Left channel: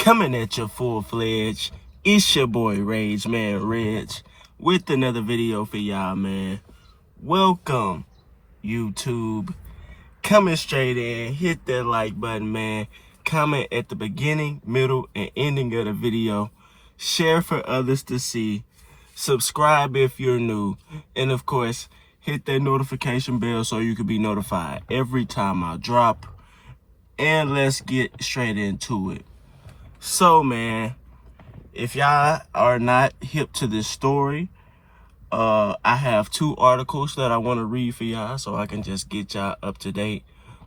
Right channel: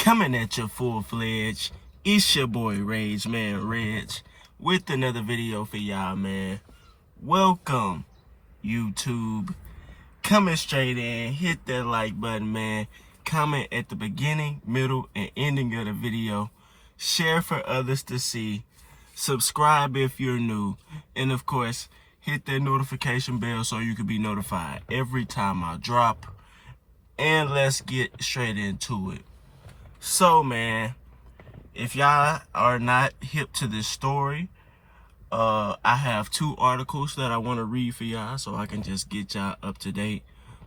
Coming at you full-fledged, it's your boy Regg, with another video for y'all, man. Welcome, YouTube. Coming straight in, hit that like button, man. Comment at the beginning, middle, and ending of the video. Share for others to see. Subscribe if you're new. And of course, hit that notification bell so you can be notified every time I drop. And let's get straight into it. So, man, if y'all are not hip to this story, I have two articles that I want to read for y'all so I can just get y'all up to date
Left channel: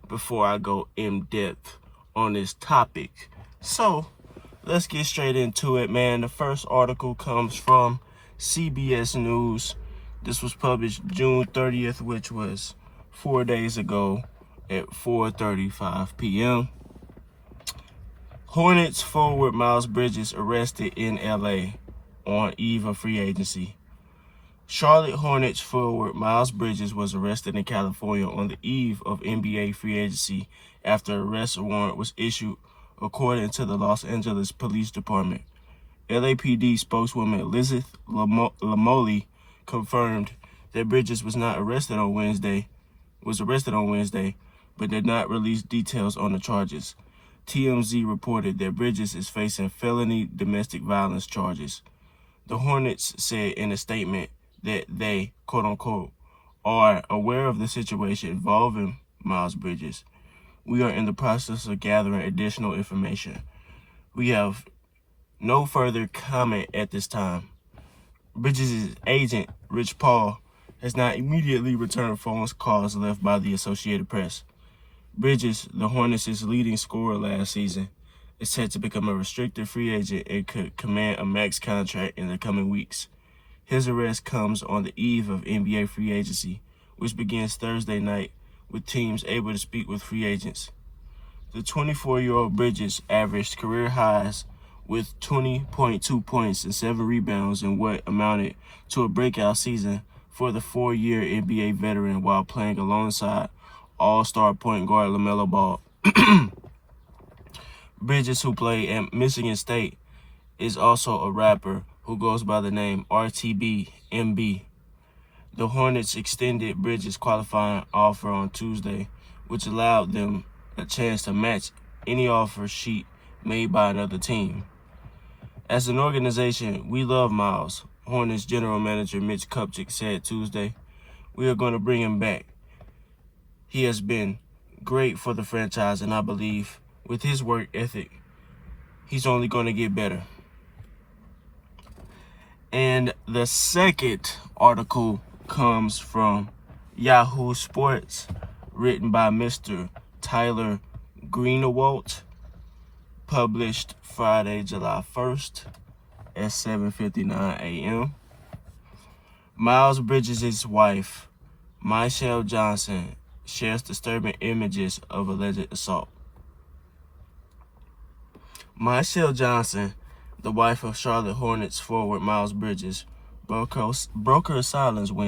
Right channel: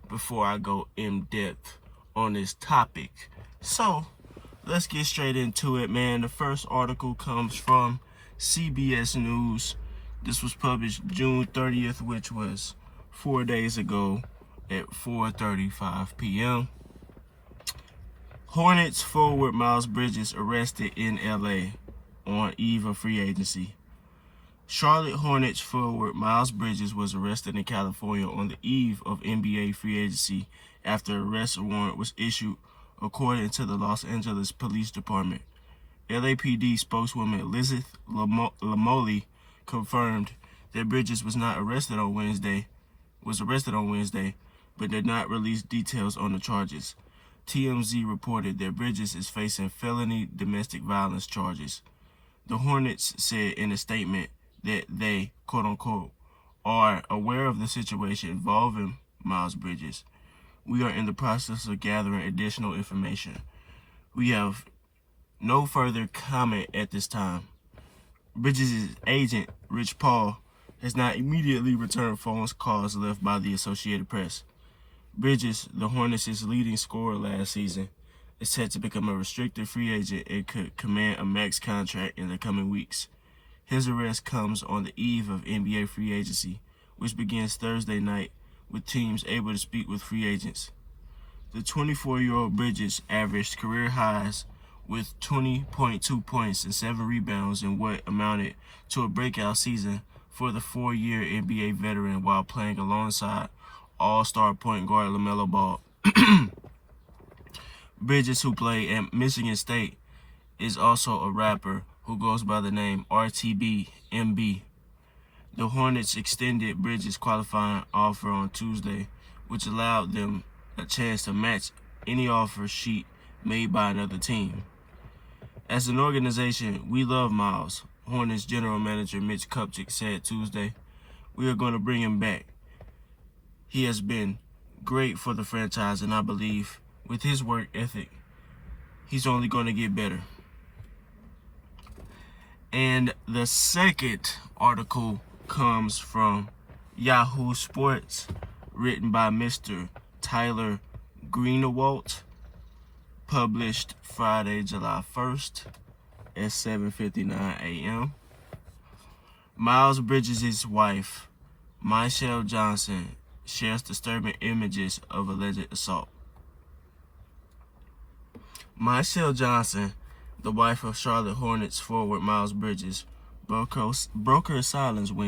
before I go in depth on this topic. So, let's get straight into it, man. The first article comes from CBS News. This was published June 30th, which was 4 days ago at 4:35 p.m. Hornets forward Miles Bridges arrested in LA on eve of free agency. Charlotte Hornets forward Miles Bridges was arrested in California on the eve of NBA free agency after an arrest warrant was issued, according to the Los Angeles Police Department. LAPD spokeswoman Elizabeth Lamoli confirmed that Bridges was arrested on Wednesday, but did not release details on the charges. TMZ reported that Bridges is facing felony domestic violence charges. The Hornets said in a statement that they, quote unquote, are aware of the situation involving Miles Bridges. We are in the process of gathering additional information. We have no further comment at this time. Bridges' agent, Rich Paul, has not immediately returned phone calls left by the Associated Press. Bridges, the Hornets' leading scorer last season, is set to become a restricted free agent and could command a max contract in the coming weeks. His arrest comes on the eve of NBA free agency, which begins Thursday night, with teams able to speak with free agents. The 24-year-old Bridges averaged career highs with 20.2 points and 7 rebounds in what amounted to a breakout season for the 4-year NBA veteran while playing alongside All-Star point guard LaMelo Ball. Bridges, who played at Michigan State, is also a rapper who goes by the name RTB-MB. The Hornets extended Bridges' qualifying offer on Tuesday, which allowed them a chance to match any offer sheet made by another team. As an organization, we love Miles, Hornets general manager Mitch Kupchak said Tuesday. We are going to bring him back. He has been great for the franchise, and I believe with his work ethic, he's only going to get better. And the second article comes from Yahoo Sports, written by Mr. Tyler Greenawalt, published Friday, July 1st at 7:59 a.m. Miles Bridges' wife, Michelle Johnson, shares disturbing images of alleged assault. Michelle Johnson, the wife of Charlotte Hornets forward Miles Bridges, broke her silence and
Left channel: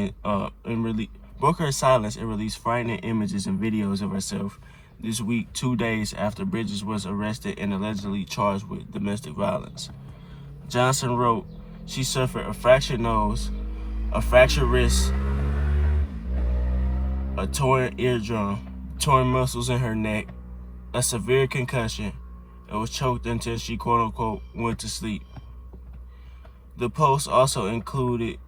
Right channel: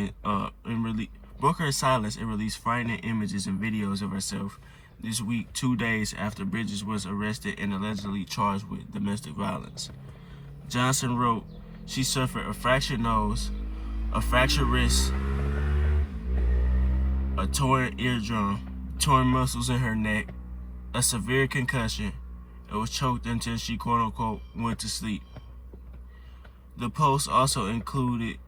released frightening images and videos of herself this week, 2 days after Bridges was arrested and allegedly charged with domestic violence. Johnson wrote she suffered a fractured nose, a fractured wrist, a torn eardrum, torn muscles in her neck, a severe concussion, and was choked until she, quote-unquote, went to sleep. The post also included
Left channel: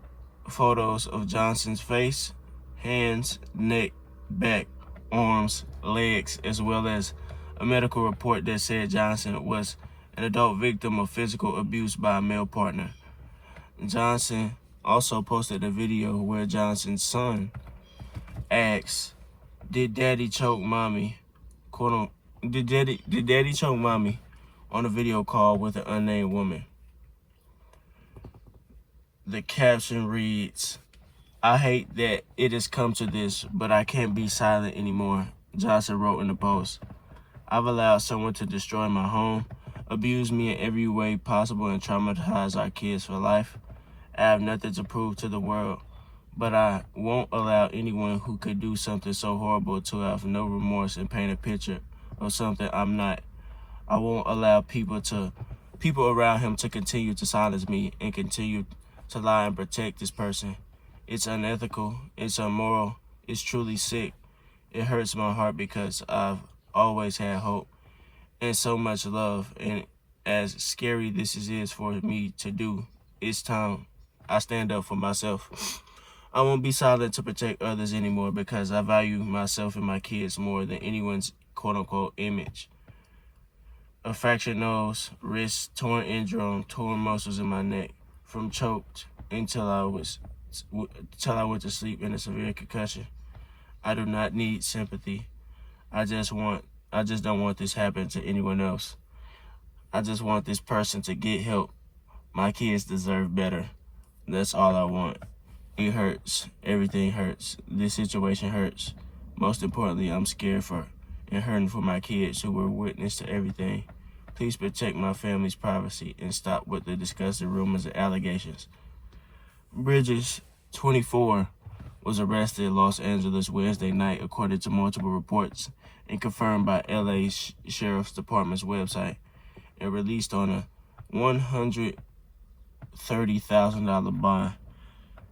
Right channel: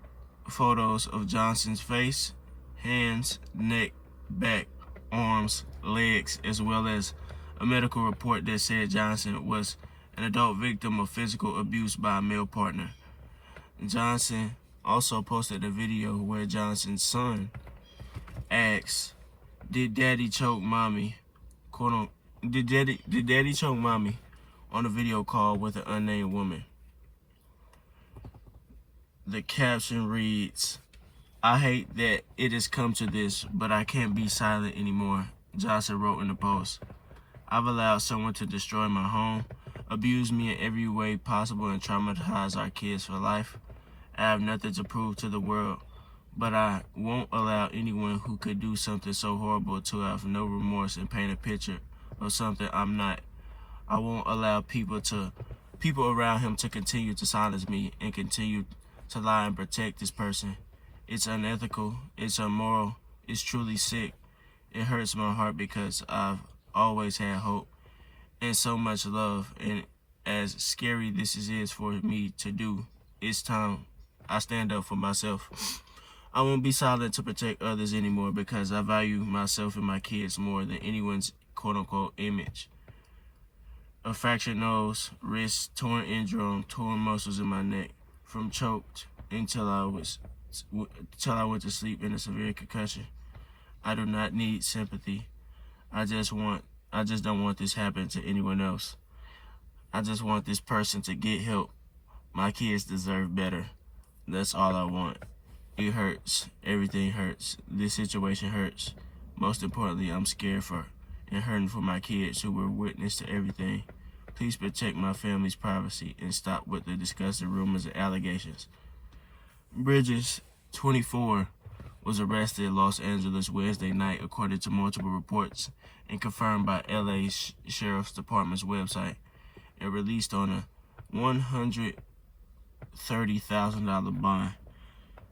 photos of Johnson's face, hands, neck, back, arms, legs, as well as a medical report that said Johnson was an adult victim of physical abuse by a male partner. Johnson also posted a video where Johnson's son asks, "Did Daddy choke Mommy?" Did Daddy choke Mommy? On a video call with an unnamed woman. The caption reads, "I hate that it has come to this, but I can't be silent anymore," Johnson wrote in the post. "I've allowed someone to destroy my home, abuse me in every way possible, and traumatize our kids for life. I have nothing to prove to the world, but I won't allow anyone who could do something so horrible to have no remorse and paint a picture of something I'm not. I won't allow people to people around him to continue to silence me and continue to lie and protect this person. It's unethical. It's immoral. It's truly sick. It hurts my heart because I've always had hope and so much love. And as scary this is for me to do, it's time I stand up for myself. I won't be silent to protect others anymore because I value myself and my kids more than anyone's quote-unquote image. A fractured nose, wrist, torn eardrum, torn muscles in my neck, from choked until I went to sleep in a severe concussion. I do not need sympathy. I just don't want this happening to anyone else. I just want this person to get help. My kids deserve better. That's all I want. It hurts. Everything hurts. This situation hurts. Most importantly, I'm scared for and hurting for my kids who were witness to everything. Please protect my family's privacy and stop with the disgusting rumors and allegations. Bridges, 24, was arrested in Los Angeles Wednesday night, according to multiple reports and confirmed by LA Sheriff's Department's website, and released on a $130,000 bond.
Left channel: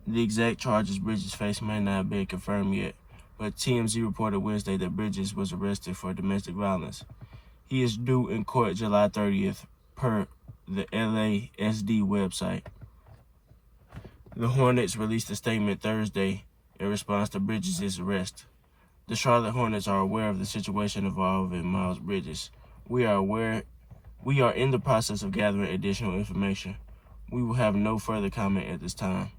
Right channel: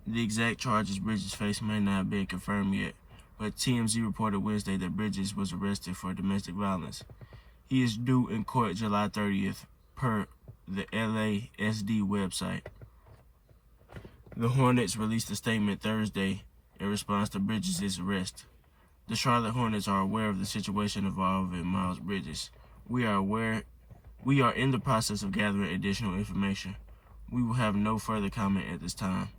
The exact charges Bridges faced may not have been confirmed yet, but TMZ reported Wednesday that Bridges was arrested for domestic violence. He is due in court July 30th, per the LASD website. The Hornets released a statement Thursday in response to Bridges' arrest. The Charlotte Hornets are aware of the situation involving Miles Bridges. We are in the process of gathering additional information. We will have no further comment at this time.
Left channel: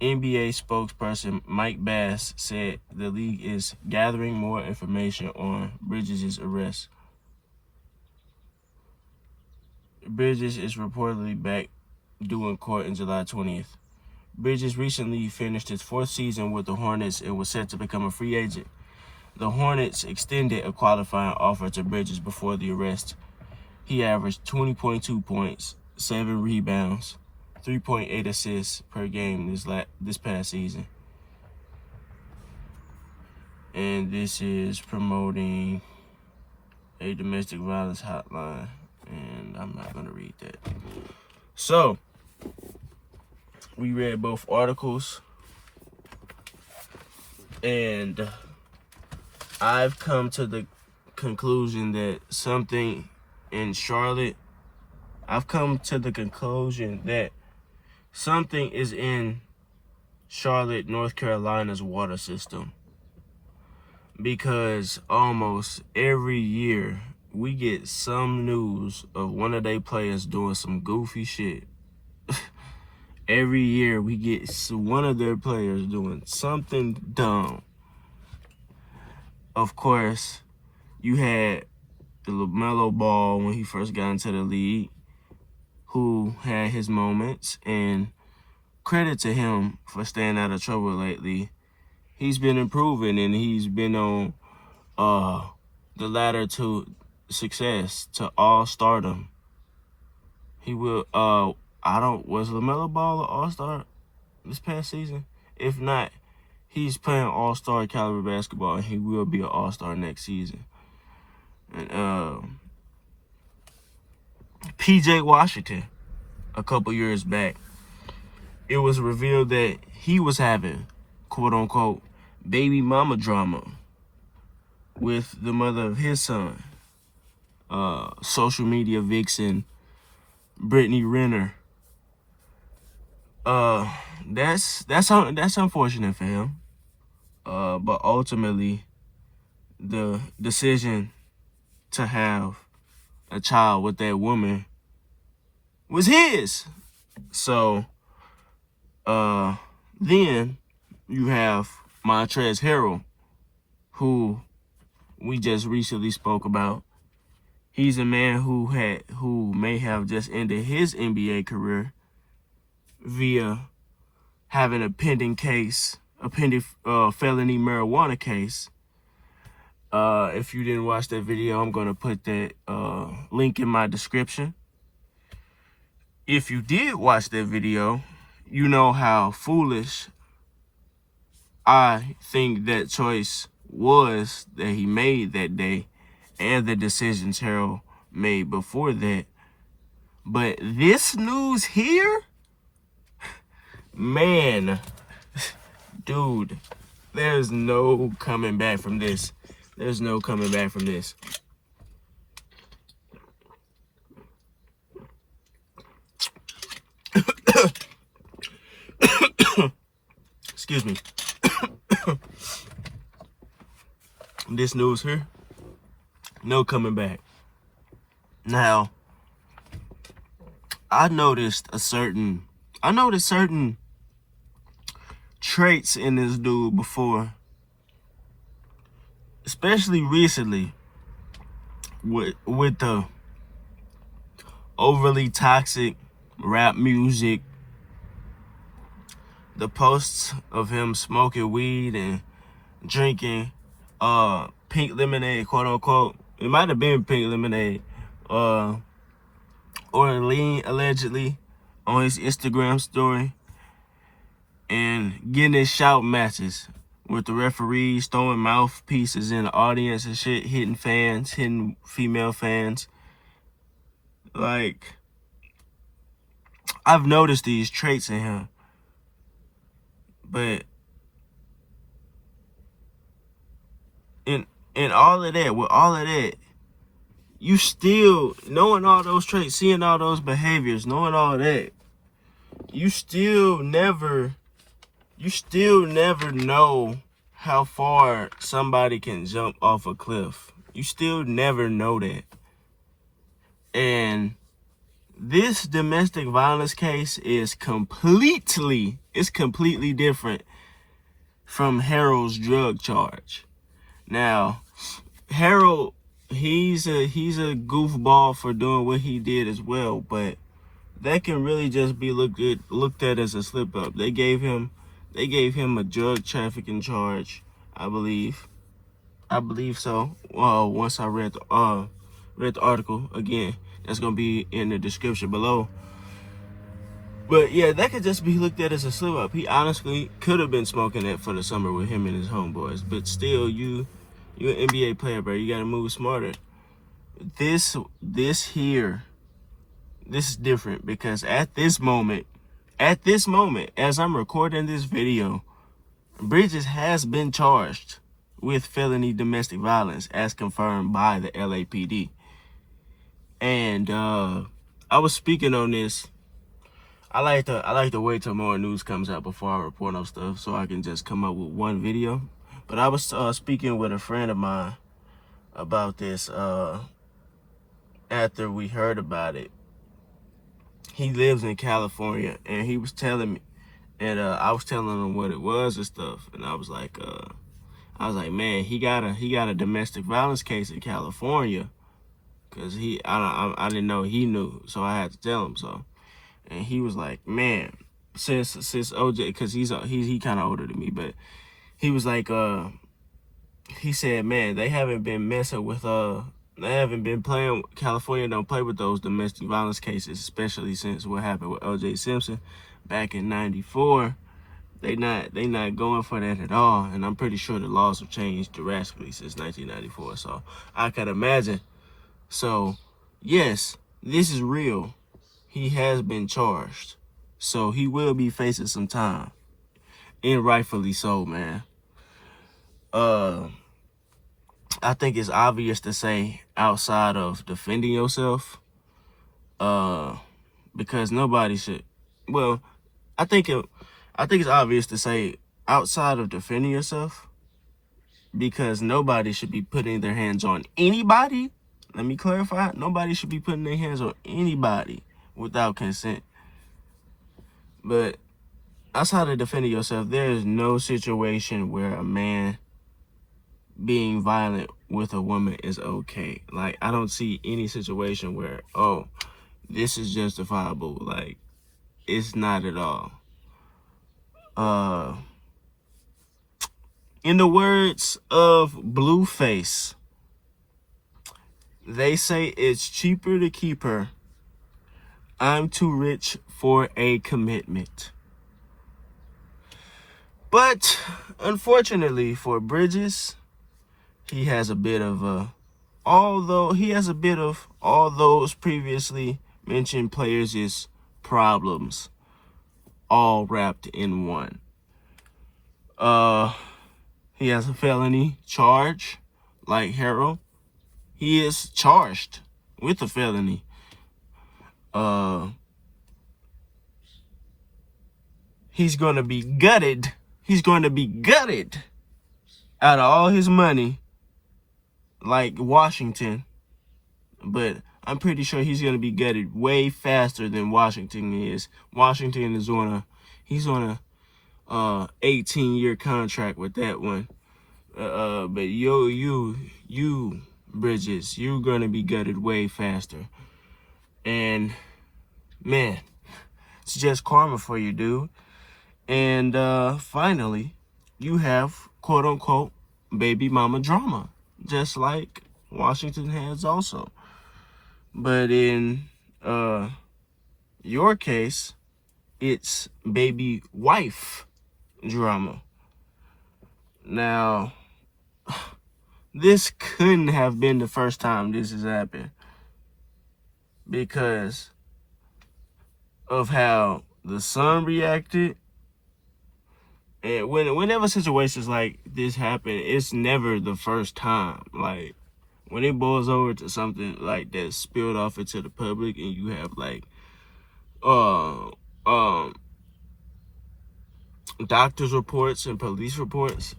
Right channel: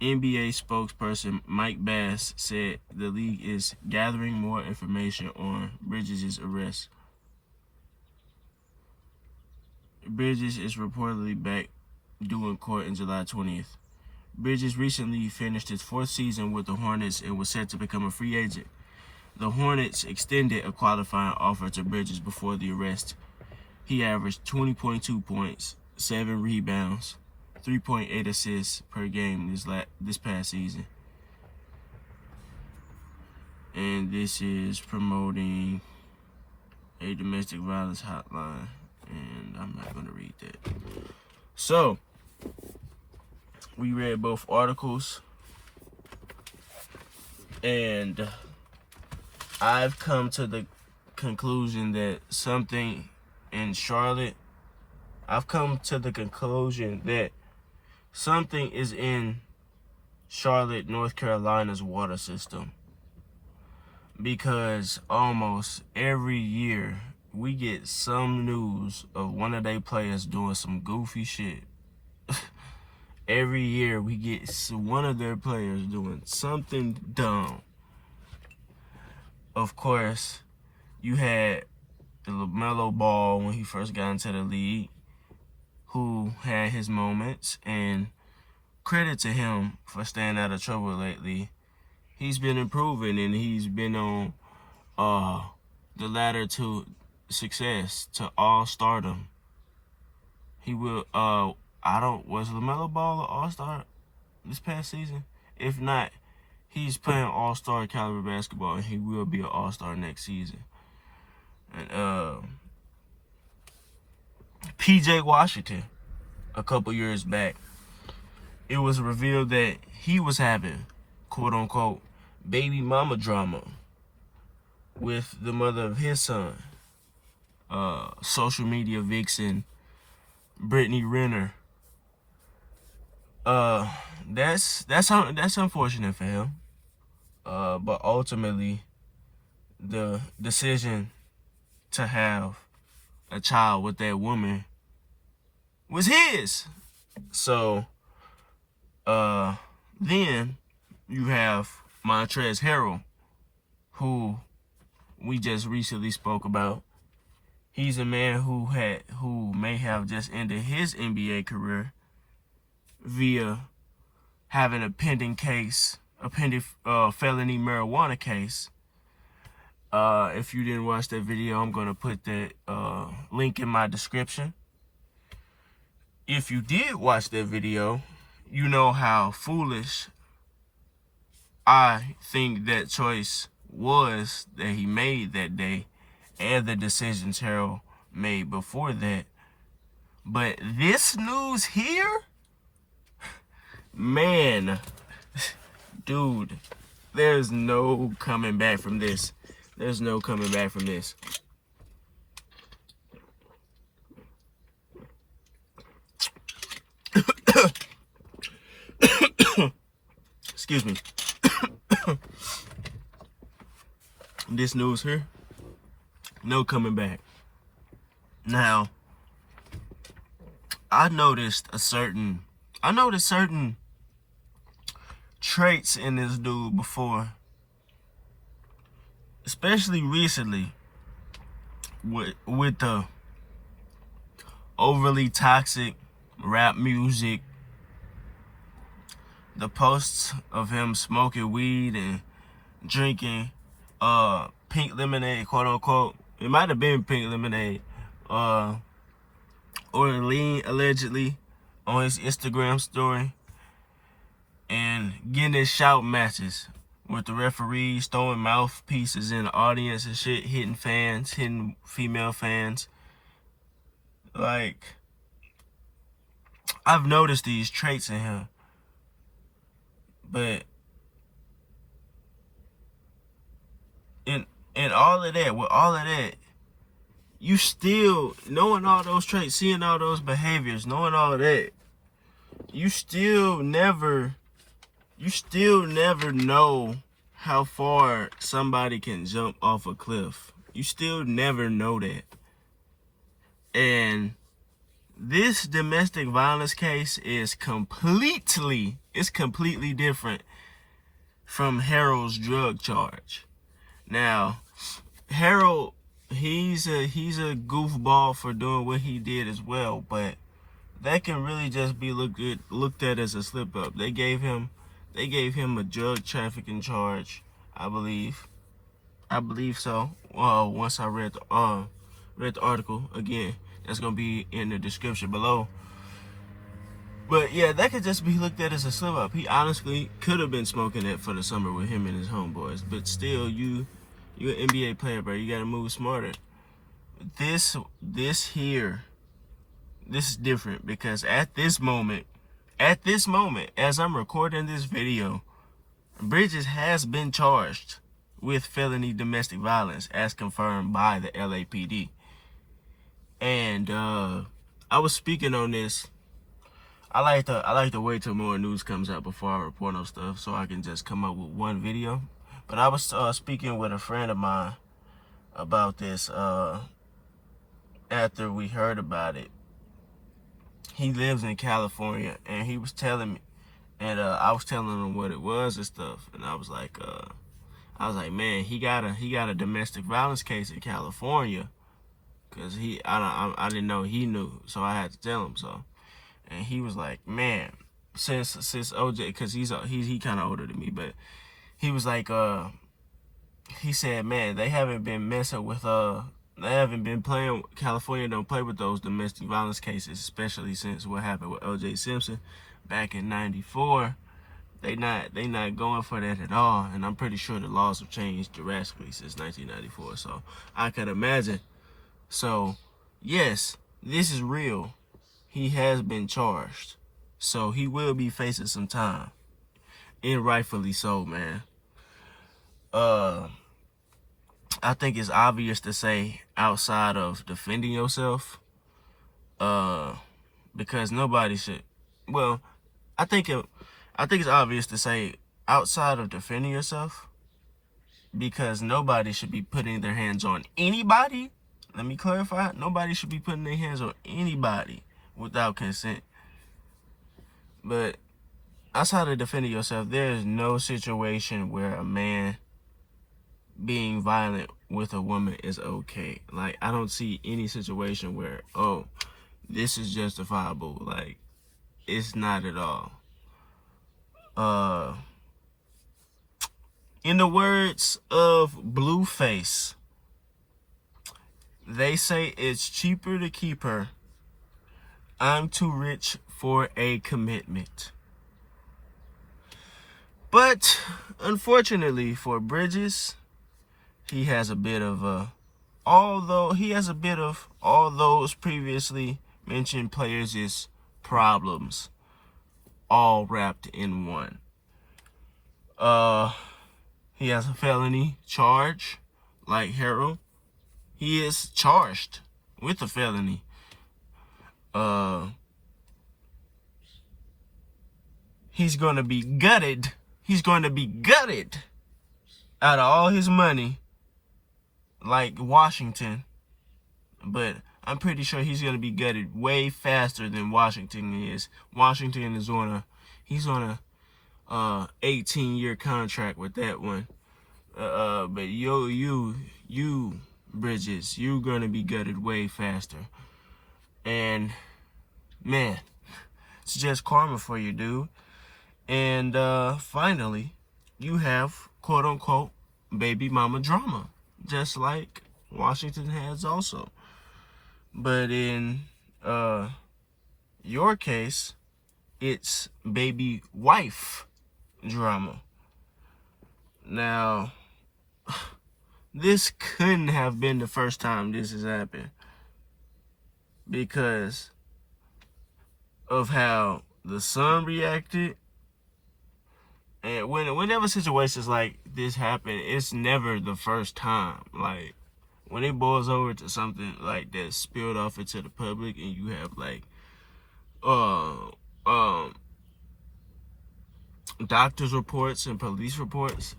NBA spokesperson Mike Bass said the league is gathering more information on Bridges' arrest. Bridges is reportedly back due in court on July 20th. Bridges recently finished his 4th season with the Hornets and was set to become a free agent. The Hornets extended a qualifying offer to Bridges before the arrest. He averaged 20.2 points, 7 rebounds, 3.8 assists per game this past season. And this is promoting a domestic violence hotline, and I'm not going to read that. So, we read both articles, and I've come to the conclusion that something in Charlotte, something is in Charlotte, North Carolina's water system, because almost every year we get some news of one of their players doing some goofy shit. Every year we get one of their players doing something dumb. Of course, you had the LaMelo Ball when he first got into the league, who had his moments, and credit to him for staying out of trouble lately. He's been improving, and he's been on the ladder to success, to all-stardom. He will, was LaMelo Ball an all-star this past season? If not, he's playing all-star caliber basketball, and he will be an all-star next season. And PJ Washington, a couple years back, it was revealed that he was having, quote-unquote, baby mama drama with the mother of his son, social media vixen Brittany Renner. That's unfortunate for him. But ultimately, the decision to have a child with that woman was his. So, then you have Montrezl Harrell, who we just recently spoke about. He's a man who may have just ended his NBA career via having a pending felony marijuana case. If you didn't watch that video, I'm gonna put that link in my description. If you did watch that video, you know how foolish I think that choice was that he made that day, and the decisions Harold made before that. But this news here, man, dude, there's no coming back from this. There's no coming back from this. Excuse me. This news here, no coming back. Now, I noticed certain traits in this dude before, especially recently, with the overly toxic rap music, the posts of him smoking weed and drinking pink lemonade, quote unquote. It might have been pink lemonade, or lean, allegedly, on his Instagram story, and getting his shout matches with the referees throwing mouthpieces in the audience and shit, hitting fans, hitting female fans. Like, I've noticed these traits in him, but in all of that, with all of that, you still, knowing all those traits, seeing all those behaviors, knowing all of that, you still never know how far somebody can jump off a cliff. You still never know that. And this domestic violence case is completely different from Harold's drug charge. Now, Harold, he's a goofball for doing what he did as well, but that can really just be looked at as a slip up. They gave him a drug trafficking charge, I believe so. Once I read the article again, that's gonna be in the description below. But yeah, that could just be looked at as a slip up. He honestly could have been smoking it for the summer with him and his homeboys. But still, you're an NBA player, bro. You gotta move smarter. This is different, because at this moment, as I'm recording this video, Bridges has been charged with felony domestic violence as confirmed by the LAPD. And I was speaking on this. I like to wait till more news comes out before I report on stuff, so I can just come up with one video. But I was speaking with a friend of mine about this after we heard about it. He lives in California, and he was telling me, and I was telling him what it was and stuff. And I was like, man, he got a domestic violence case in California, cause I didn't know he knew, so I had to tell him so. And he was like, man, since OJ, cause he kind of older than me, but he was like, he said, man, they haven't been messing with they haven't been playing. California don't play with those domestic violence cases, especially since what happened with OJ Simpson back in '94. They not going for that at all, and I'm pretty sure the laws have changed drastically since 1994. So I can imagine. So yes, this is real. He has been charged, so he will be facing some time, and rightfully so, man. I think it's obvious to say, outside of defending yourself, because nobody should. Well, I think it's obvious to say, outside of defending yourself, because nobody should be putting their hands on anybody. Let me clarify: nobody should be putting their hands on anybody without consent. But outside of defending yourself, there is no situation where a man being violent with a woman is okay. Like, I don't see any situation where, oh, this is justifiable. Like, it's not at all. In the words of Blueface, they say it's cheaper to keep her. I'm too rich for a commitment. But unfortunately for Bridges, he has a bit of all those previously mention players' problems, all wrapped in one. He has a felony charge, like Harold. He is charged with a felony. He's gonna be gutted. He's going to be gutted out of all his money, like Washington. But I'm pretty sure he's going to be gutted way faster than Washington is. Washington is he's on a 18-year contract with that one. But you Bridges, you're going to be gutted way faster. And man, it's just karma for you, dude. And finally, you have quote unquote baby mama drama, just like Washington has also. But in your case, it's baby wife drama. Now, this couldn't have been the first time this has happened, because of how the son reacted. And whenever situations like this happen, it's never the first time. Like, when it boils over to something like that spilled off into the public, and you have like doctors' reports and police reports,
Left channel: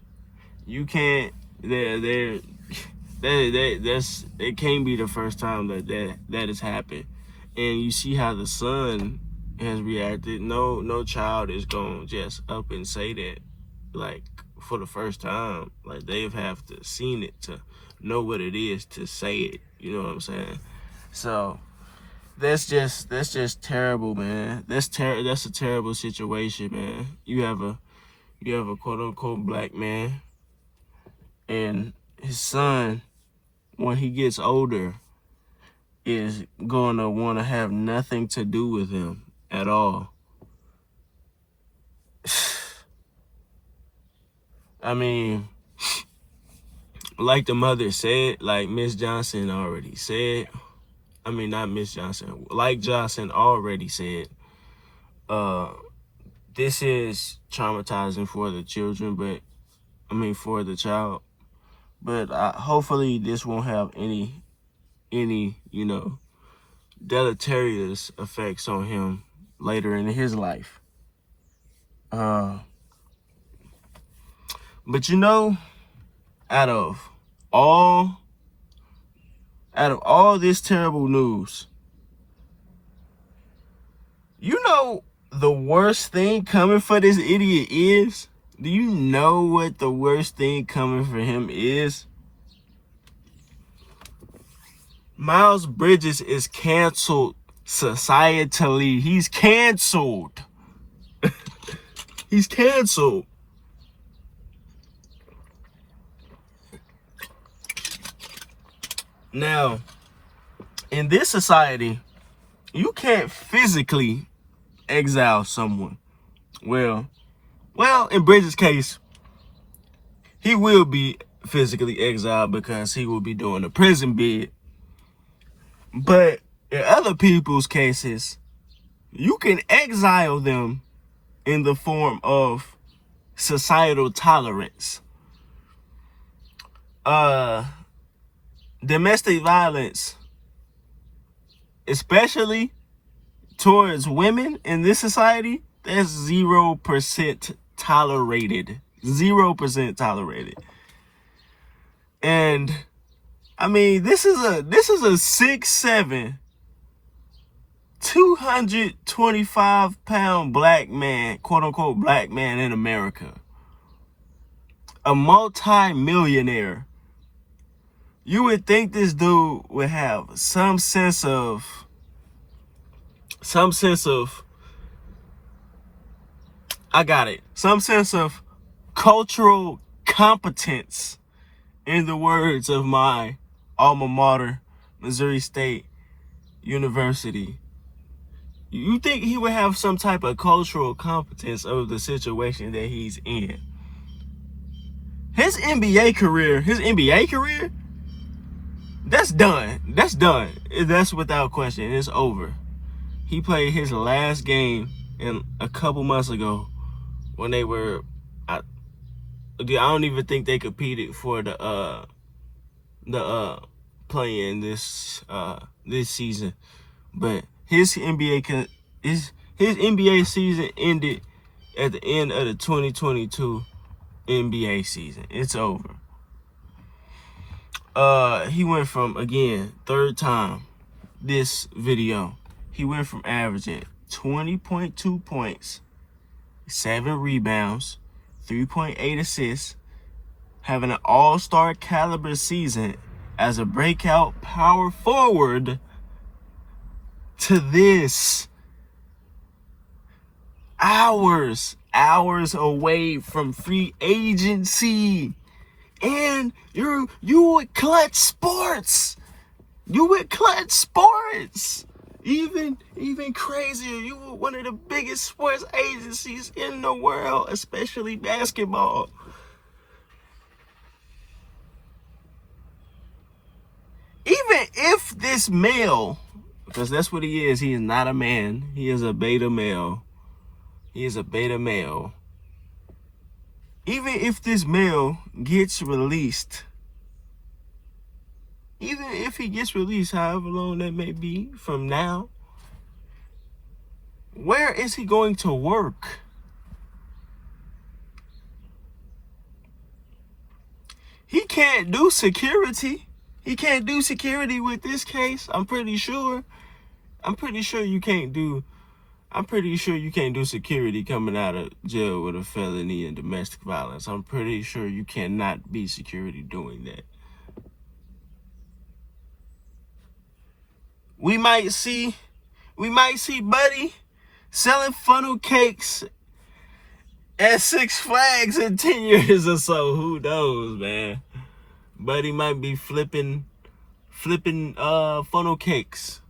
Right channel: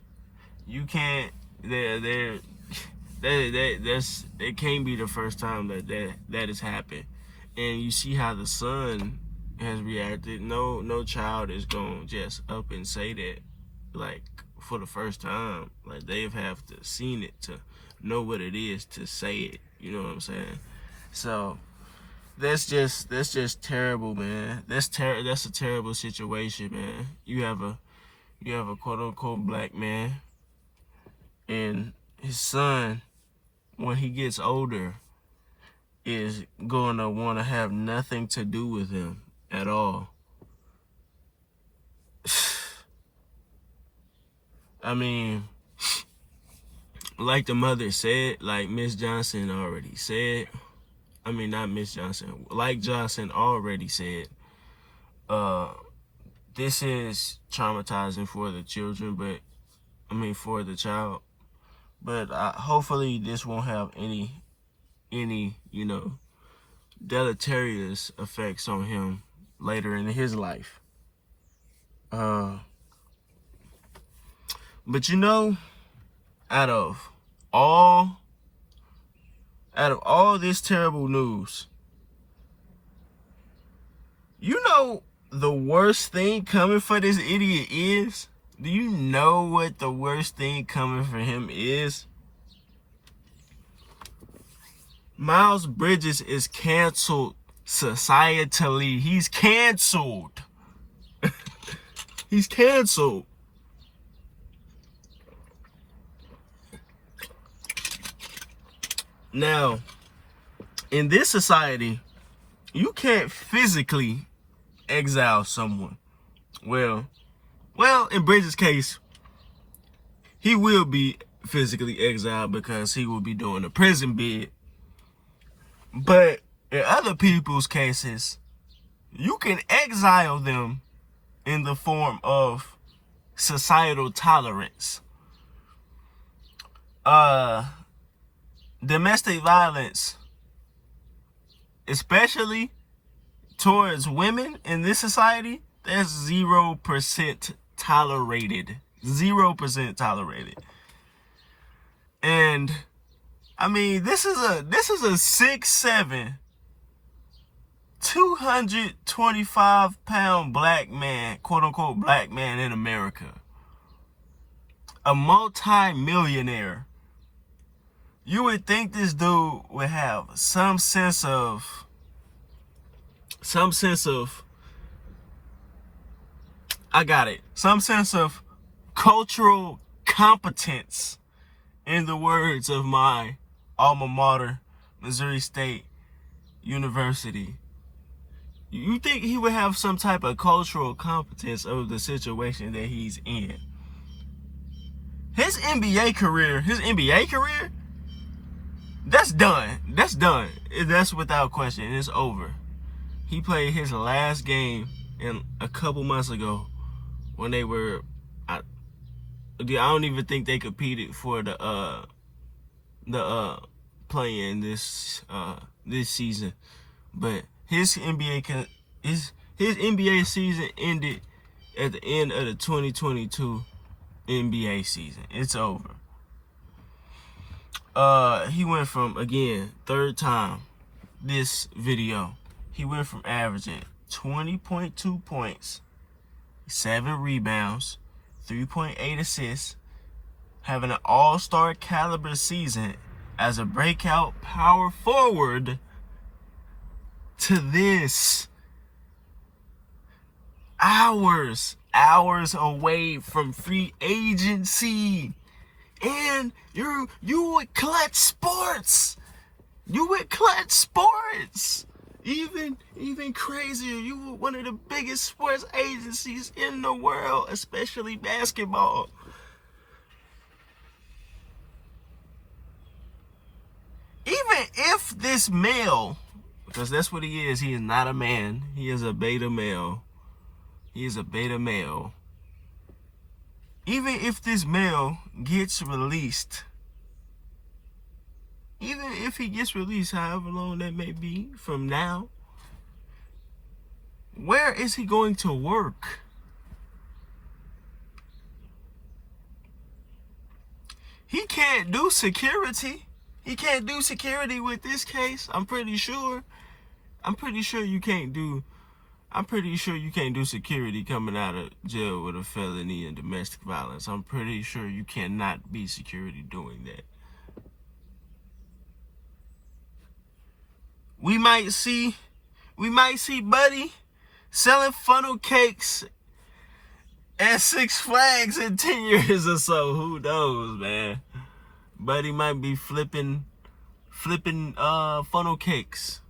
you can't. It can't be the first time that has happened. And you see how the son has reacted. No child is gonna just up and say that, like, for the first time. Like, they've have to seen it to know what it is to say it. You know what I'm saying? So that's just terrible, man. That's a terrible situation, man. You have a quote unquote black man, and his son, when he gets older, is going to want to have nothing to do with him at all. I mean, like the mother said, like Miss Johnson already said, I mean, not Miss Johnson, like Johnson already said, this is traumatizing for the children, for the child. But hopefully this won't have any, deleterious effects on him later in his life. But out of all this terrible news, the worst thing coming for this idiot is? Do you know what the worst thing coming for him is? Miles Bridges is canceled societally. He's canceled. He's canceled. Now, in this society, you can't physically exile someone. Well, in Bridges' case, he will be physically exiled because he will be doing a prison bid. But in other people's cases, you can exile them in the form of societal tolerance. Domestic violence, especially towards women in this society, that's 0% tolerated. 0% tolerated. And I mean, this is a 6'7", 225-pound black man, quote unquote black man in America. A multi-millionaire. You would think this dude would have some sense of cultural competence, in the words of my alma mater, Missouri State University. You think he would have some type of cultural competence of the situation that he's in. His NBA career, that's done. That's without question. It's over. He played his last game in a couple months ago when they were. I don't even think they competed for the play-in this season. But his NBA season ended at the end of the 2022 NBA season. It's over. He went from, again, third time this video, he went from averaging 20.2 points, 7 rebounds, 3.8 assists, having an all-star caliber season as a breakout power forward, to this. Hours away from free agency. And you with Clutch Sports. You with Clutch Sports. Even crazier, you were one of the biggest sports agencies in the world, especially basketball. Even if this male, because that's what he is not a man, he is a beta male. He is a beta male. Even if this male gets released, even if he gets released, however long that may be from now, where is he going to work? He can't do security. He can't do security with this case. I'm pretty sure you can't do security coming out of jail with a felony and domestic violence. I'm pretty sure you cannot be security doing that. We might see Buddy selling funnel cakes at Six Flags in 10 years or so. Who knows, man? Buddy might be flipping funnel cakes.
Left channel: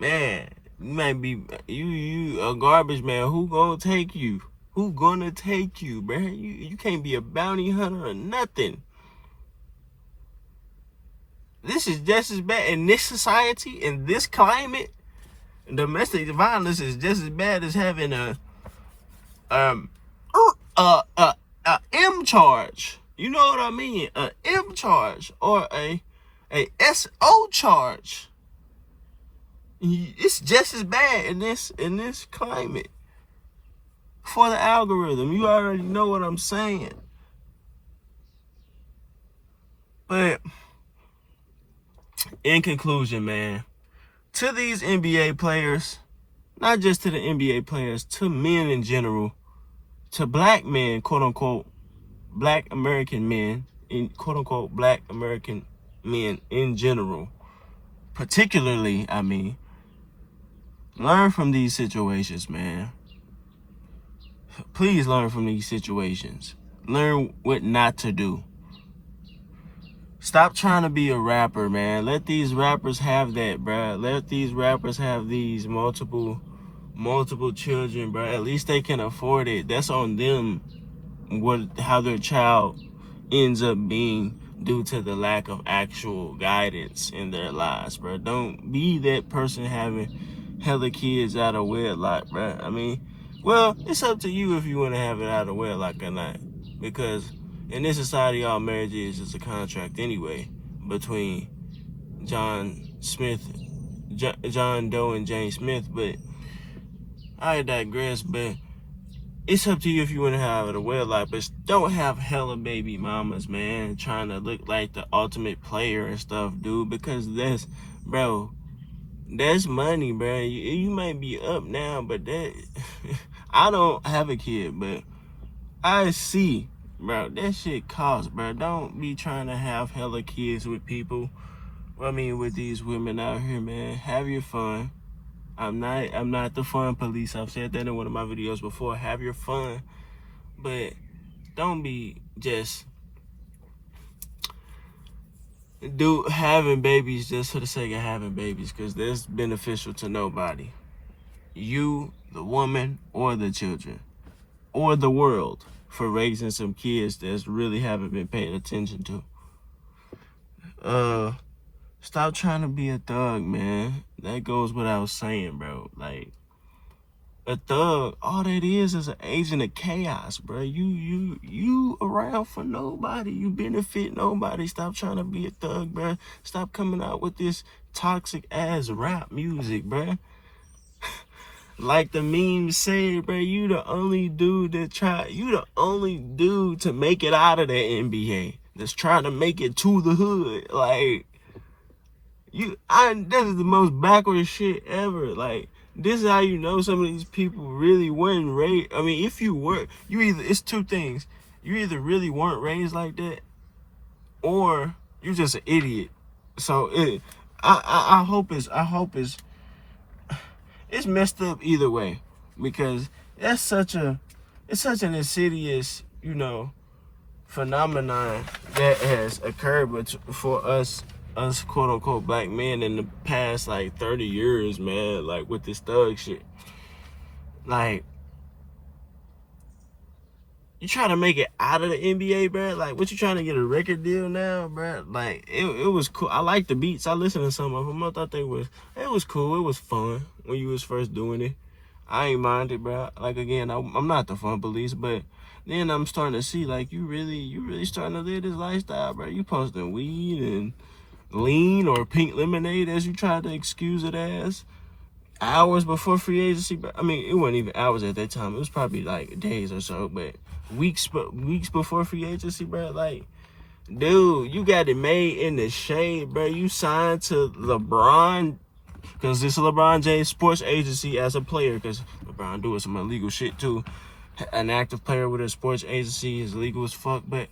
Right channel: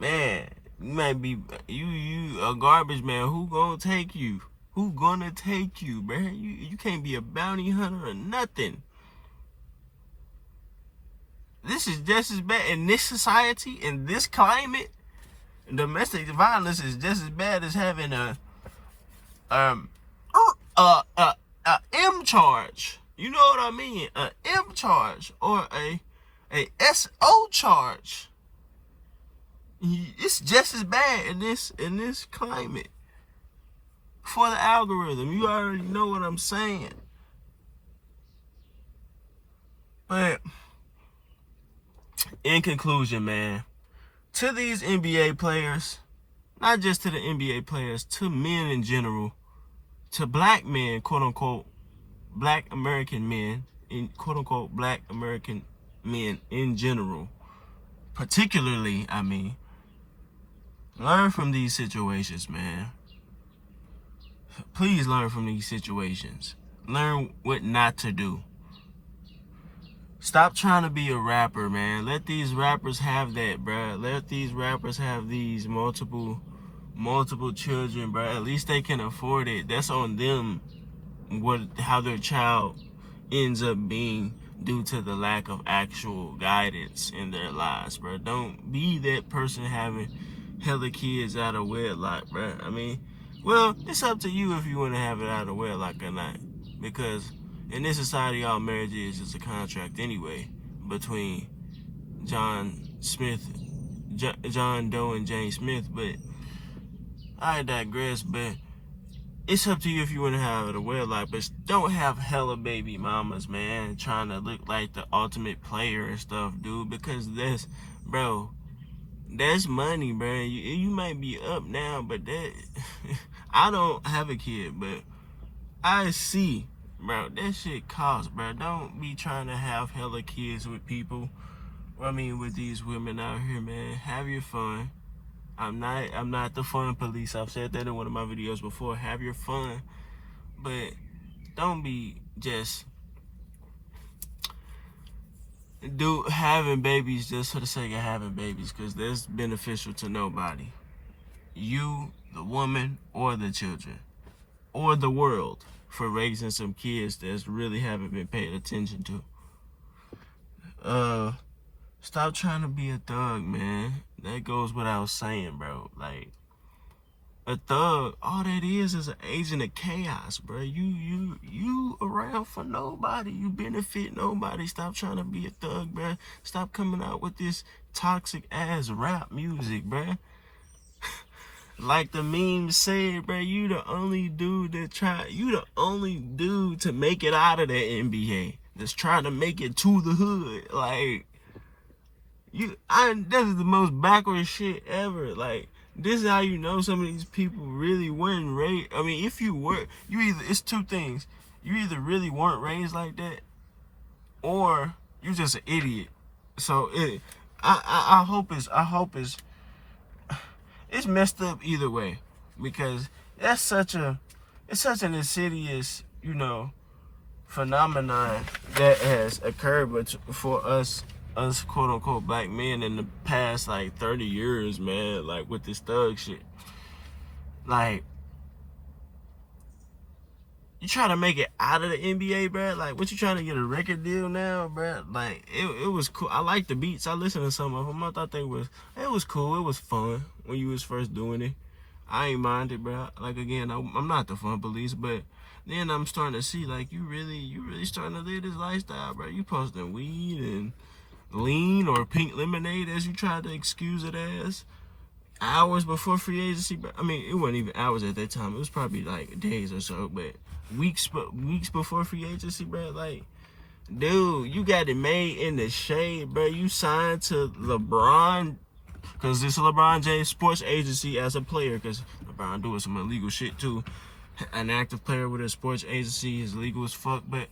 Man, you might be you a garbage man. Who gonna take you? Who gonna take you, bro? You can't be a bounty hunter or nothing. This is just as bad in this society, in this climate. Domestic violence is just as bad as having a M charge. You know what I mean? A M charge or a SO charge. It's just as bad in this climate. For the algorithm, you already know what I'm saying. But in conclusion, man, to these NBA players, not just to the NBA players, to men in general, to black men, quote unquote, black American men, in quote unquote, black American men in general, particularly, I mean, learn from these situations, man. Please learn from these situations. Learn what not to do. Stop trying to be a rapper, man. Let these rappers have that, bro. Let these rappers have these multiple children, bro. At least they can afford it. That's on them. How their child ends up being due to the lack of actual guidance in their lives, bro. Don't be that person having hella kids out of wedlock, bro. I mean, well, it's up to you if you want to have it out of wedlock or not. Because in this society, all marriage is just a contract anyway between John Doe and Jane Smith. But I digress. But it's up to you if you want to have it a wedlock. But don't have hella baby mamas, man, trying to look like the ultimate player and stuff, dude. Because that's money, bro. You might be up now, but that I don't have a kid, but I see, bro, that shit costs, bro. Don't be trying to have hella kids with people. I mean, with these women out here, man. Have your fun. I'm not the fun police. I've said that in one of my videos before. Have your fun, but don't be just having babies just for the sake of having babies, because that's beneficial to nobody. You, the woman, or the children, or the world, for raising some kids that really haven't been paid attention to. Stop trying to be a thug, man. That goes without saying, bro. Like, a thug, all that is an agent of chaos, bro. You around for nobody. You benefit nobody. Stop trying to be a thug, bro. Stop coming out with this toxic ass rap music, bro. Like the memes say, bro, you the only dude to make it out of the NBA. That's trying to make it to the hood. Like, this is the most backward shit ever. Like, this is how you know some of these people really weren't raised. I mean, if you were, it's two things. You either really weren't raised like that, or you're just an idiot. So I hope it's messed up either way, because it's such an insidious, phenomenon that has occurred for us quote unquote black men in the past like 30 years, man. Like, with this thug shit. Like, you trying to make it out of the NBA, bro? Like, what, you trying to get a record deal now, bro? Like, it was cool. I like the beats. I listened to some of them. I thought it was cool. It was fun when you was first doing it. I ain't minded, bro. Like, again, I'm not the fun police, but then I'm starting to see, like, you really starting to live this lifestyle, bro. You posting weed and lean or pink lemonade, as you tried to excuse it as, hours before free agency. I mean, it wasn't even hours at that time. It was probably like days or so, but weeks before free agency, bro. Like, dude, you got it made in the shade, bro. You signed to LeBron, because this is LeBron James sports agency as a player, because LeBron doing some illegal shit too. An active player with a sports agency is legal as fuck, but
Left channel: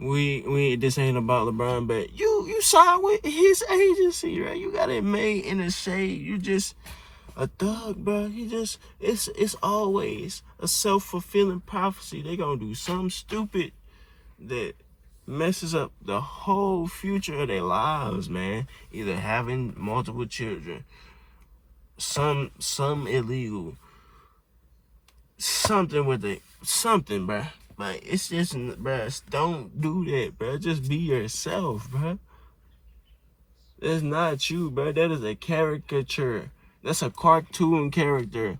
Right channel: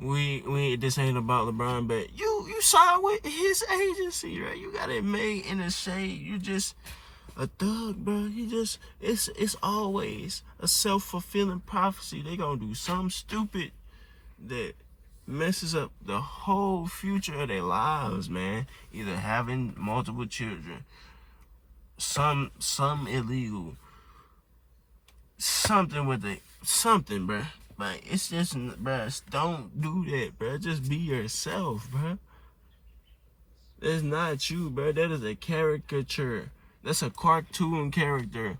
this ain't about LeBron. But you signed with his agency, right? You got it made in the shade. You just a thug, bro. It's always a self-fulfilling prophecy. They gonna do something stupid that messes up the whole future of their lives, man. Either having multiple children, some illegal, something with it, something, bro. But it's just, bro, don't do that, bro. Just be yourself, bro. That's not you, bro. That is a caricature. That's a cartoon character.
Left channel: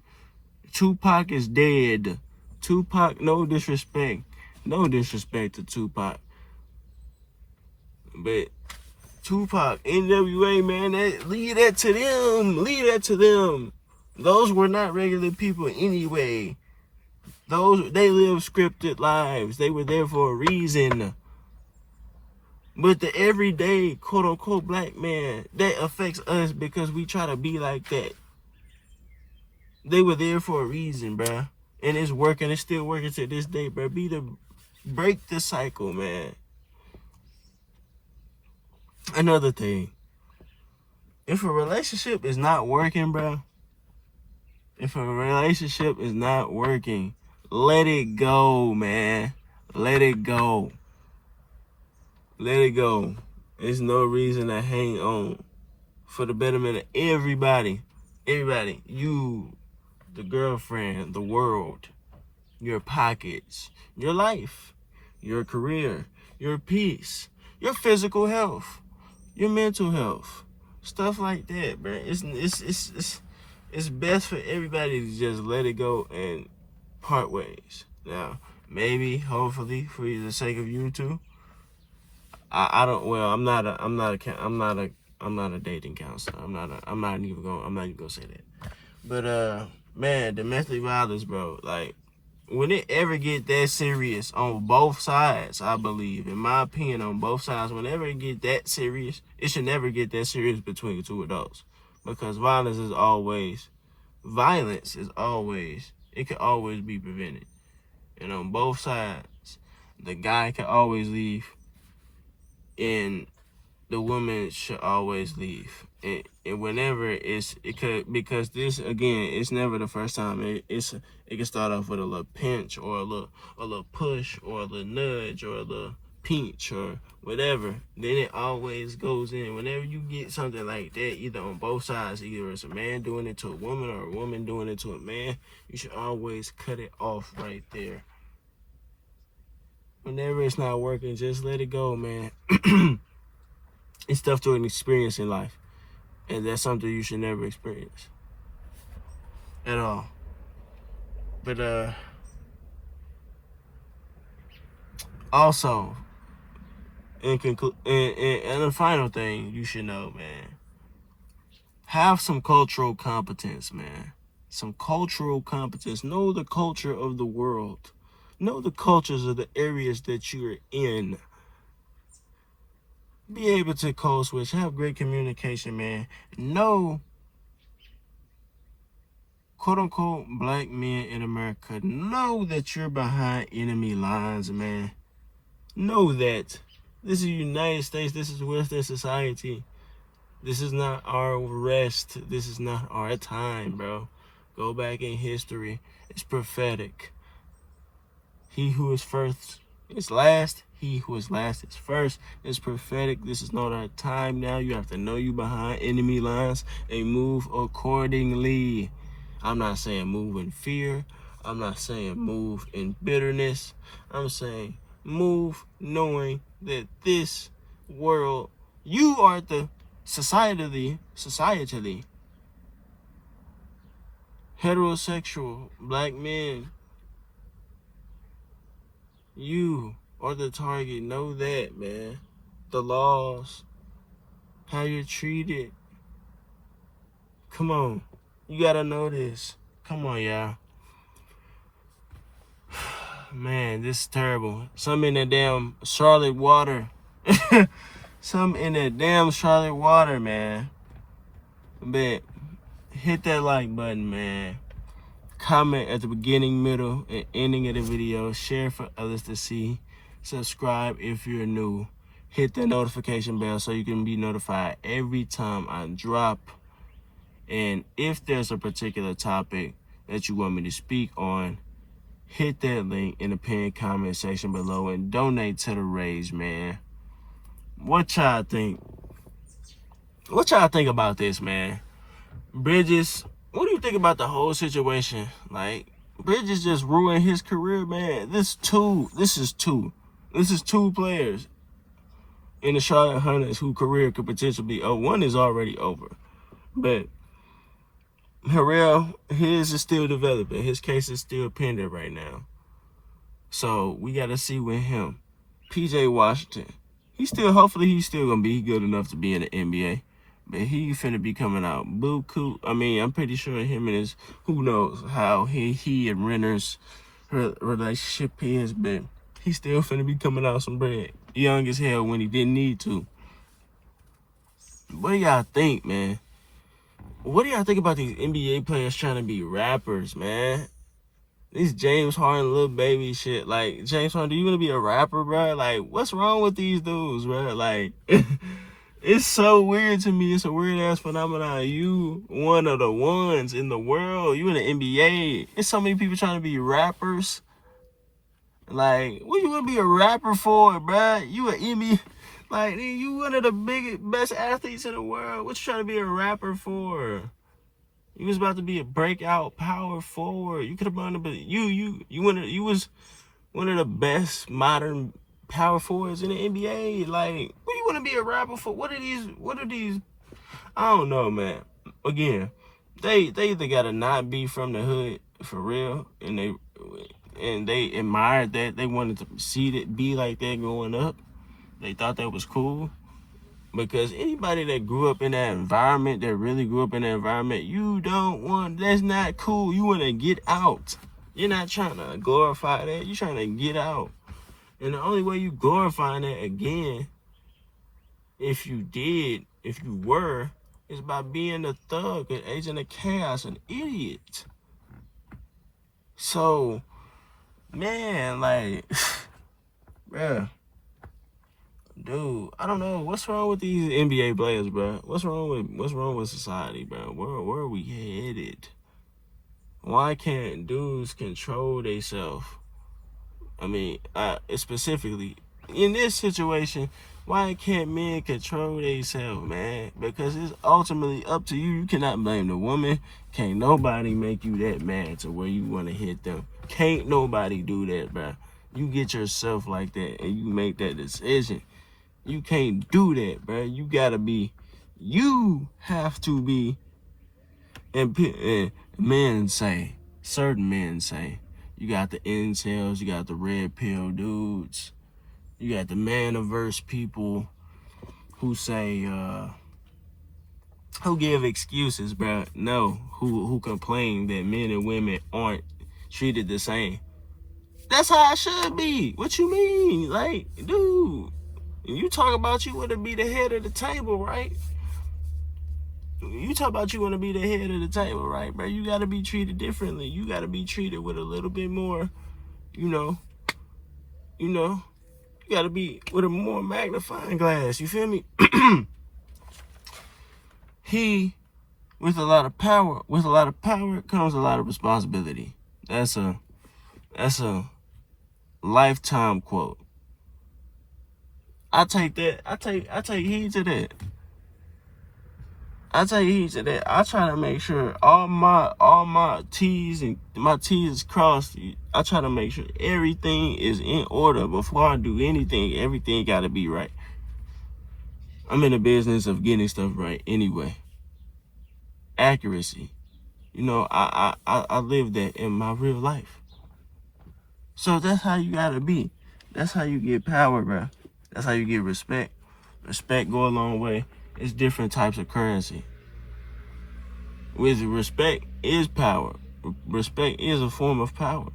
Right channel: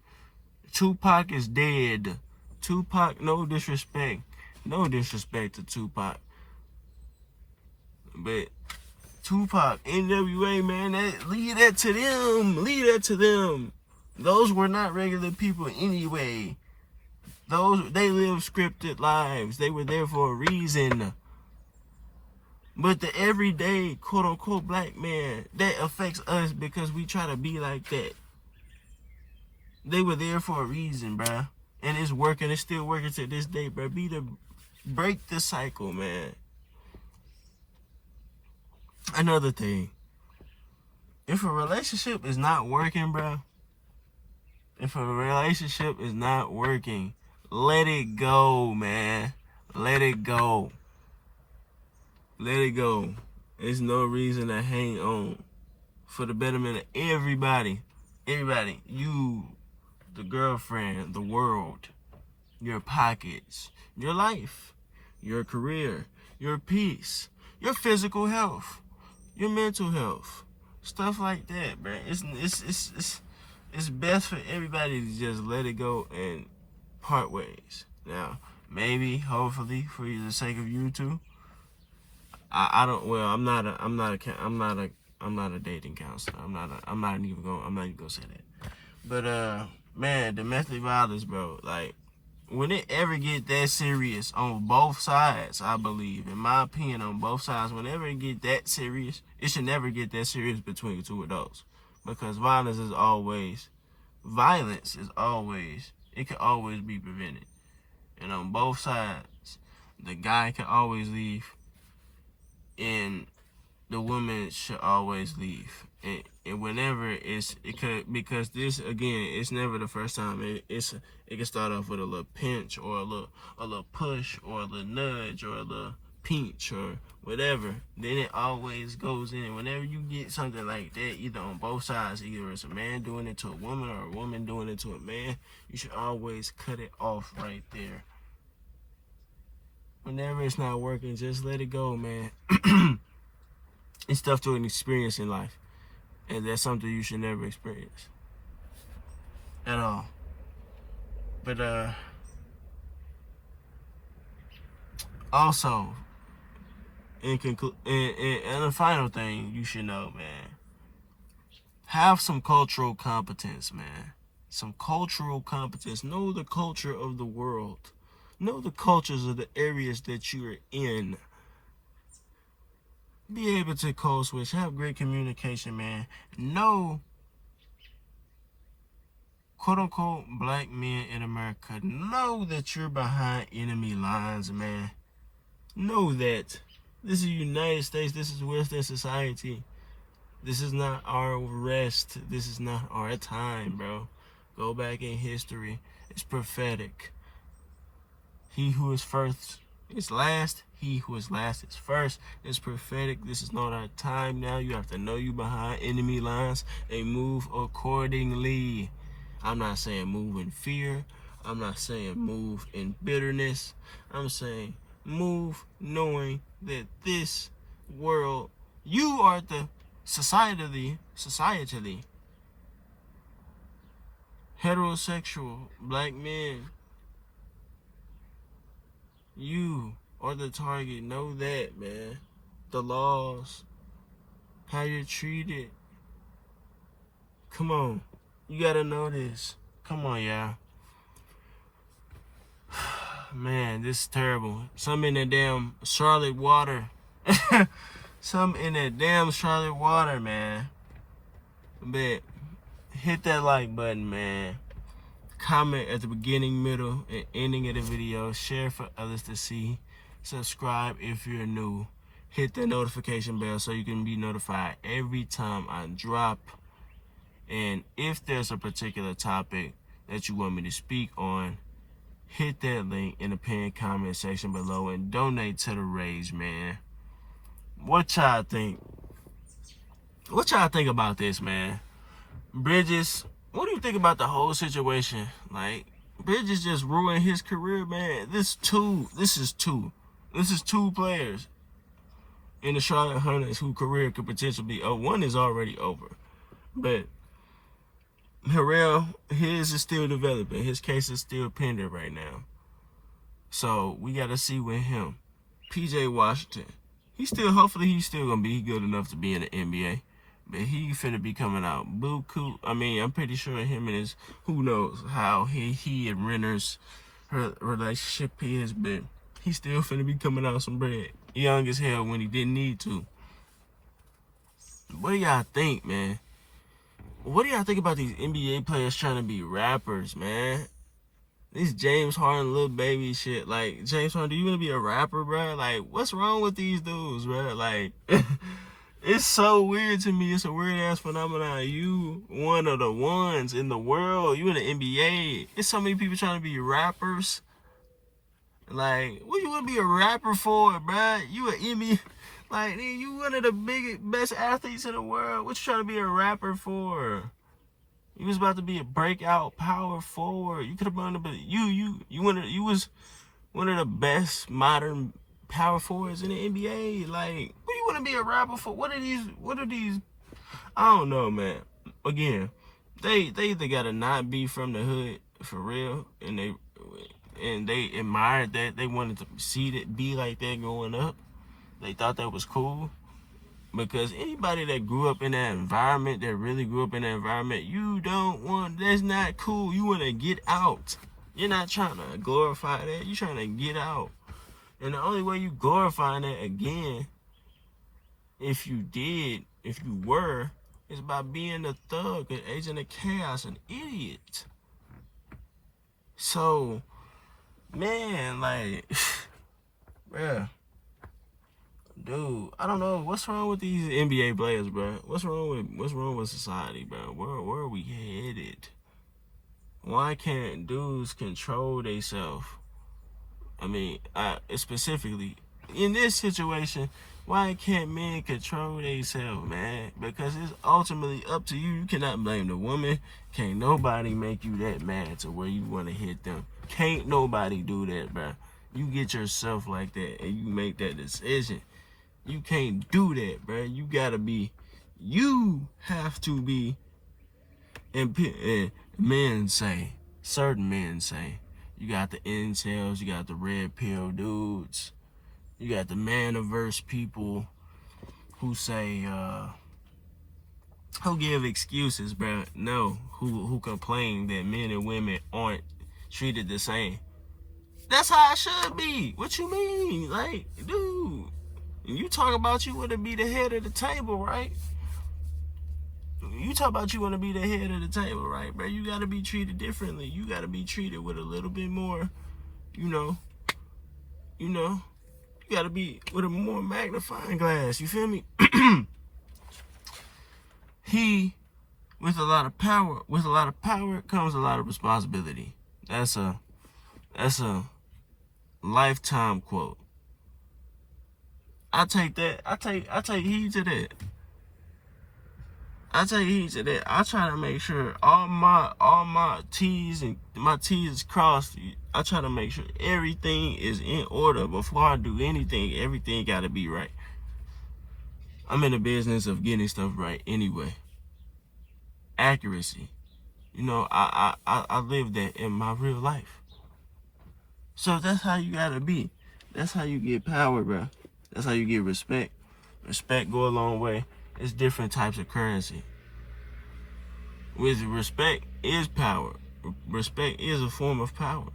Tupac is dead. Tupac, no disrespect. No disrespect to Tupac. But Tupac, NWA, man, leave that to them. Leave that to them. Those were not regular people anyway. They lived scripted lives. They were there for a reason. But the everyday, quote unquote, black man, that affects us because we try to be like that. They were there for a reason, bruh. And it's working. It's still working to this day, bruh. Break the cycle, man. Another thing. If a relationship is not working, bruh. If a relationship is not working, let it go, man. Let it go. Let it go. There's no reason to hang on. For the betterment of everybody. Everybody. You, the girlfriend, the world, your pockets, your life, your career, your peace, your physical health, your mental health. Stuff like that, bro. It's best for everybody to just let it go and part ways. Now, maybe, hopefully, for the sake of you two, I'm not a dating counselor. I'm not even gonna say that. But man, domestic violence, bro, like, when it ever get that serious on both sides, I believe, in my opinion, on both sides, whenever it get that serious, it should never get that serious between two adults. Because violence is always, it can always be prevented. And on both sides, the guy can always leave, and the woman should always leave. And whenever because this, again, it's never the first time. It can start off with a little pinch, or a little push, or a little nudge, or a little pinch, or whatever. Then it always goes in. Whenever you get something like that, either on both sides, either it's a man doing it to a woman or a woman doing it to a man, you should always cut it off right there. Whenever it's not working, just let it go, man. It's stuff to an experience in life. And that's something you should never experience at all. But also, and the final thing you should know, man, have some cultural competence, man. Some cultural competence. Know the culture of the world. Know the cultures of the areas that you're in. Be able to code switch. Have great communication, man. Know, quote unquote, black men in America. Know that you're behind enemy lines, man. Know that this is the United States. This is Western society. This is not our rest. This is not our time, bro. Go back in history. It's prophetic. He who is first is last. He who is last is first. It's prophetic. This is not our time now. You have to know you behind enemy lines and move accordingly. I'm not saying move in fear. I'm not saying move in bitterness. I'm saying move knowing that this world, you are the societally heterosexual black men. You are the target. Know that, man. The laws, how you're treated. Come on. You gotta know this. Come on, y'all. Man, this is terrible. Some in that damn Charlotte water. Some in that damn Charlotte water, man. But hit that like button, man. Comment at the beginning, middle, and ending of the video. Share for others to see. Subscribe if you're new. Hit that notification bell so you can be notified every time I drop. And if there's a particular topic that you want me to speak on, hit that link in the pinned comment section below and donate to the Regg, man. What y'all think? What y'all think about this, man? Bridges, what do you think about the whole situation? Like, Bridges just ruined his career, man. This is two players in the Charlotte Hornets whose career could potentially be over. One is already over. But Harrell, his is still developing. His case is still pending right now. So we got to see with him. PJ Washington, hopefully he's still going to be good enough to be in the NBA. But he finna be coming out buku. I mean, I'm pretty sure him and his, who knows how he and Renner's relationship is, but he still finna be coming out some bread. Young as hell when he didn't need to. What do y'all think, man? What do y'all think about these NBA players trying to be rappers, man? These James Harden little baby shit. Like, James Harden, do you want to be a rapper, bro? Like, what's wrong with these dudes, bro? Like, it's so weird to me. It's a weird-ass phenomenon. You one of the ones in the world. You in the NBA. There's so many people trying to be rappers. Like, what you want to be a rapper for, bro? You an NBA. Like, you one of the best athletes in the world. What you trying to be a rapper for? You was about to be a breakout power forward. You could have been, but you was one of the best modern power forwards in the NBA. Like, what you want to be a rapper for? What are these? I don't know, man. Again, they either gotta not be from the hood for real, and they admired that. They wanted to see it be like that growing up. They thought that was cool. Because anybody that grew up in that environment, that really grew up in that environment, that's not cool. You want to get out. You're not trying to glorify that. You're trying to get out. And the only way you glorifying that again, if you were, is by being a thug, an agent of chaos, an idiot. So, man, like, bruh. Dude, I don't know what's wrong with these NBA players, bro. What's wrong with society, bro? Where are we headed? Why can't dudes control themselves? I mean, specifically in this situation, why can't men control themselves, man? Because it's ultimately up to you. You cannot blame the woman. Can't nobody make you that mad to where you want to hit them. Can't nobody do that, bro. You get yourself like that and you make that decision. You can't do that, bro. You gotta be You have to be, and certain men say, you got the incels, you got the red pill dudes, you got the man-averse people who say, who give excuses, bro. No, who complain that men and women aren't treated the same. That's how it should be. What you mean? Like, dude, you talk about you want to be the head of the table, right? You talk about you want to be the head of the table, right, bro? You got to be treated differently. You got to be treated with a little bit more, you got to be with a more magnifying glass. You feel me? With a lot of power comes a lot of responsibility. That's a lifetime quote. I take that. I take heed to that. I try to make sure all my T's and my T's crossed. I try to make sure everything is in order before I do anything. Everything got to be right. I'm in the business of getting stuff right anyway. Accuracy. I live that in my real life. So that's how you gotta be. That's how you get power, bro. That's how you get respect. Respect go a long way. It's different types of currency. With respect is power. Respect is a form of power.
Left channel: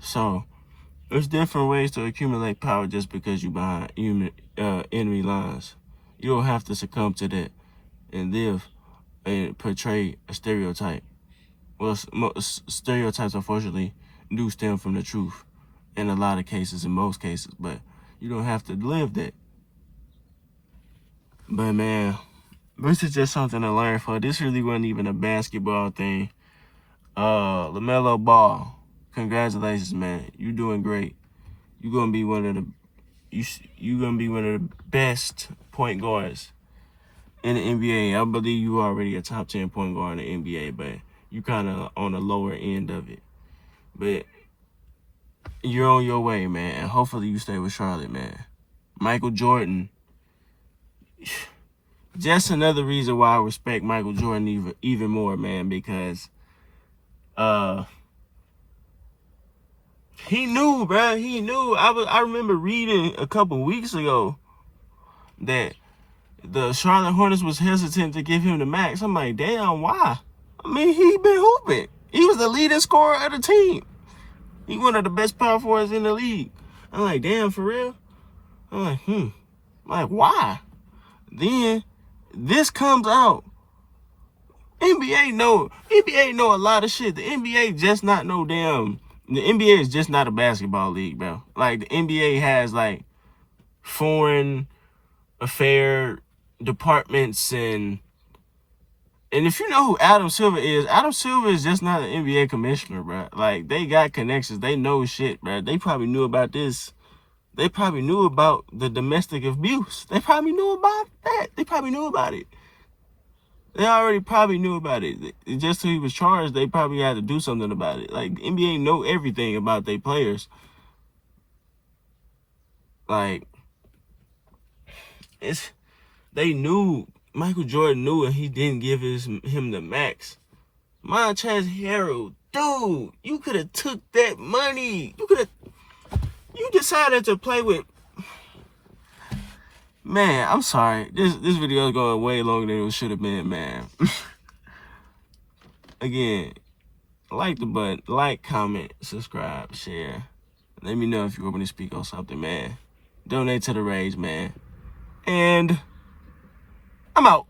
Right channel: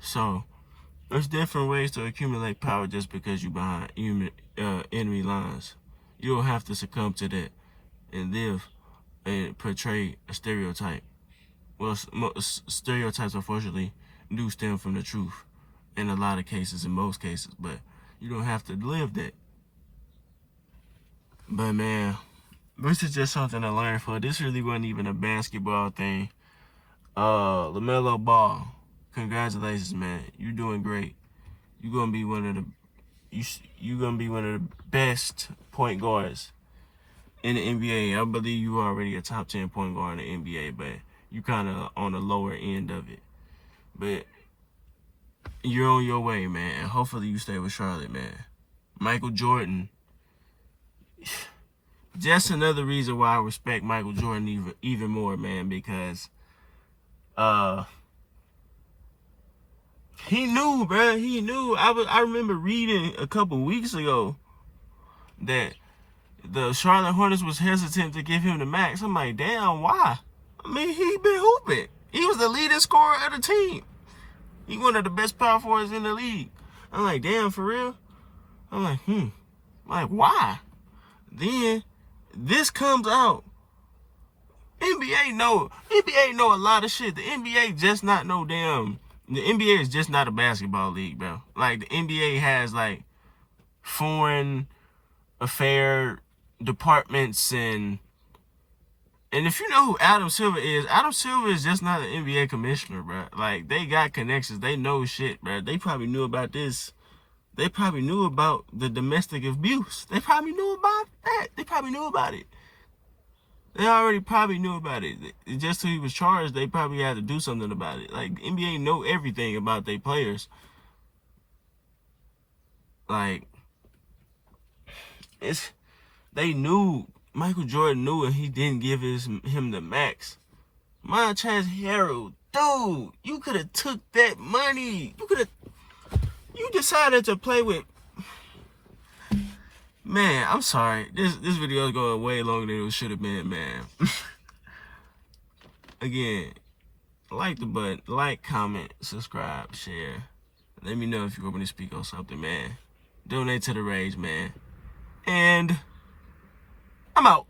So there's different ways to accumulate power just because you behind enemy lines. You don't have to succumb to that and live and portray a stereotype. Well, stereotypes, unfortunately, do stem from the truth in a lot of cases, in most cases, but you don't have to live that. But, man, this is just something to learn for. This really wasn't even a basketball thing. LaMelo Ball, congratulations, man. You're doing great. You're gonna be one of the best point guards in the NBA. I believe you are already a top 10 point guard in the NBA, but you kind of on the lower end of it. But you're on your way, man. And hopefully you stay with Charlotte, man. Michael Jordan. Just another reason why I respect Michael Jordan even more, man, because he knew, bro. He knew. I remember reading a couple weeks ago that the Charlotte Hornets was hesitant to give him the max. I'm like, damn, why? I mean, he been hooping. He was the leading scorer of the team. He one of the best power forwards in the league. I'm like, damn, for real? I'm like, like, why? Then this comes out. NBA know a lot of shit. The NBA just not no damn. The NBA is just not a basketball league, bro. Like, the NBA has, like, foreign affair departments and if you know who Adam Silver is just not an NBA commissioner, bro. Like, they got connections. They know shit, bro. They probably knew about this. They probably knew about the domestic abuse. They probably knew about that. They probably knew about it. They already probably knew about it. Just till he was charged, they probably had to do something about it. Like, NBA know everything about their players. Like, they knew. Michael Jordan knew, and he didn't give him the max. Montrezl Harrell, dude, you could have took that money. You decided to play with. Man, I'm sorry. This video is going way longer than it should have been, man. Again, like the button, like, comment, subscribe, share. Let me know if you want me to speak on something, man. Donate to the Regg, man. And I'm out.